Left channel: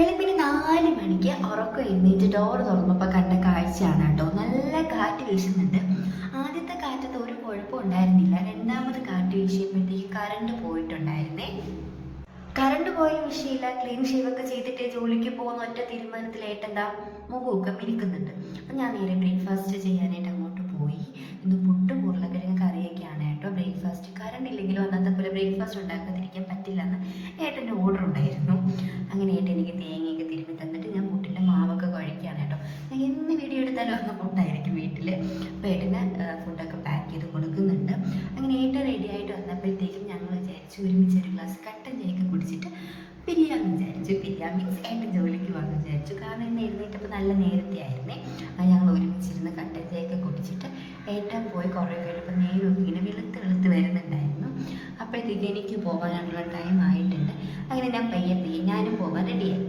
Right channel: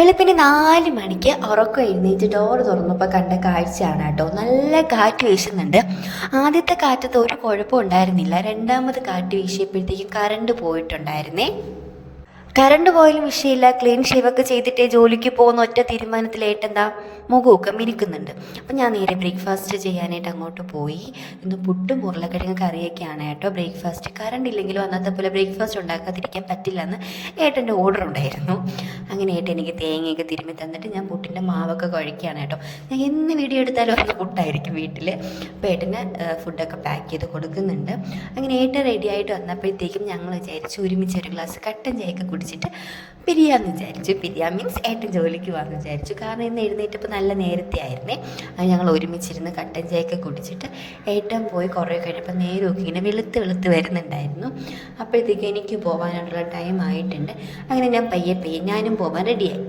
വെളുപ്പിന് 4 മണിക്ക് ഉറക്കം എഴുന്നേറ്റ് ഡോർ തുറന്നപ്പോൾ കണ്ട കാഴ്ചയാണ് കേട്ടോ. നല്ല കാറ്റ് വീശുന്നുണ്ട്. ആദ്യത്തെ കാറ്റത്ത് ഒരു കുഴപ്പം ഉണ്ടായിരുന്നില്ല. രണ്ടാമത് കാറ്റ് വീശിയപ്പോഴത്തേക്കും കറണ്ട് പോയിട്ടുണ്ടായിരുന്നേ. കറണ്ട് പോയാലും വിഷയമില്ല, ക്ലീൻ ഷേവൊക്കെ ചെയ്തിട്ടേ ജോലിക്ക് പോകുന്ന ഒറ്റ തീരുമാനത്തിലേട്ടെന്താ മുഖമൊക്കെ മിനുക്കുന്നുണ്ട്. അപ്പം ഞാൻ നേരെ ബ്രേക്ക്ഫാസ്റ്റ് ചെയ്യാനായിട്ട് അങ്ങോട്ട് പോയി. ഇന്ന് പുട്ടും ഉരുളക്കിഴങ്ങ് കറിയൊക്കെയാണ് കേട്ടോ ബ്രേക്ക്ഫാസ്റ്റ്. കറണ്ട് ഇല്ലെങ്കിലും അന്നത്തെ പോലെ ബ്രേക്ക്ഫാസ്റ്റ് ഉണ്ടാക്കാതിരിക്കാൻ പറ്റില്ലെന്ന് ഏട്ടൻ്റെ ഓർഡർ ഉണ്ടായിരുന്നു. അങ്ങനെ ഏട്ടൻ എനിക്ക് തേങ്ങയൊക്കെ തിരുമ്മി തന്നിട്ട് ഞാൻ പുട്ടിൻ്റെ മാവൊക്കെ കുഴക്കുകയാണ് കേട്ടോ. ഞാൻ എന്ന് വീഡിയോ എടുത്താലും അന്ന് പുട്ടായിരിക്കും വീട്ടിൽ. അപ്പോൾ ഏട്ടന് ഫുഡൊക്കെ പാക്ക് ചെയ്ത് കൊടുക്കുന്നുണ്ട്. അങ്ങനെ ഏട്ടൻ റെഡി ആയിട്ട് വന്നപ്പോഴത്തേക്കും ഞങ്ങൾ വിചാരിച്ചു ഒരുമിച്ച് ഒരു ഗ്ലാസ് കട്ടൻ ചായയൊക്കെ കുടിച്ചിട്ട് പിരിയാമെന്ന് വിചാരിച്ചു. പിരിയാം മീൻസ് ഏട്ടൻ ജോലിക്ക് പോകാമെന്ന് വിചാരിച്ചു. കാരണം ഇന്ന് എഴുന്നേറ്റപ്പോൾ നല്ല നേരത്തെ ആയിരുന്നേ. അത് ഞങ്ങൾ ഒരുമിച്ചിരുന്ന് കട്ടൻ ചായയൊക്കെ കുടിച്ചിട്ട് ഏട്ടൻ പോയി കുറേ കഴിഞ്ഞപ്പോൾ നേരമൊക്കെ ഇങ്ങനെ വെളുത്ത് വരുന്നുണ്ടായിരുന്നു. അപ്പോഴത്തേക്ക് എനിക്ക് പോകാനുള്ള ടൈം ആയിട്ടുണ്ട്. അങ്ങനെ ഞാൻ പയ്യെ ഞാനും പോകാൻ റെഡിയായി.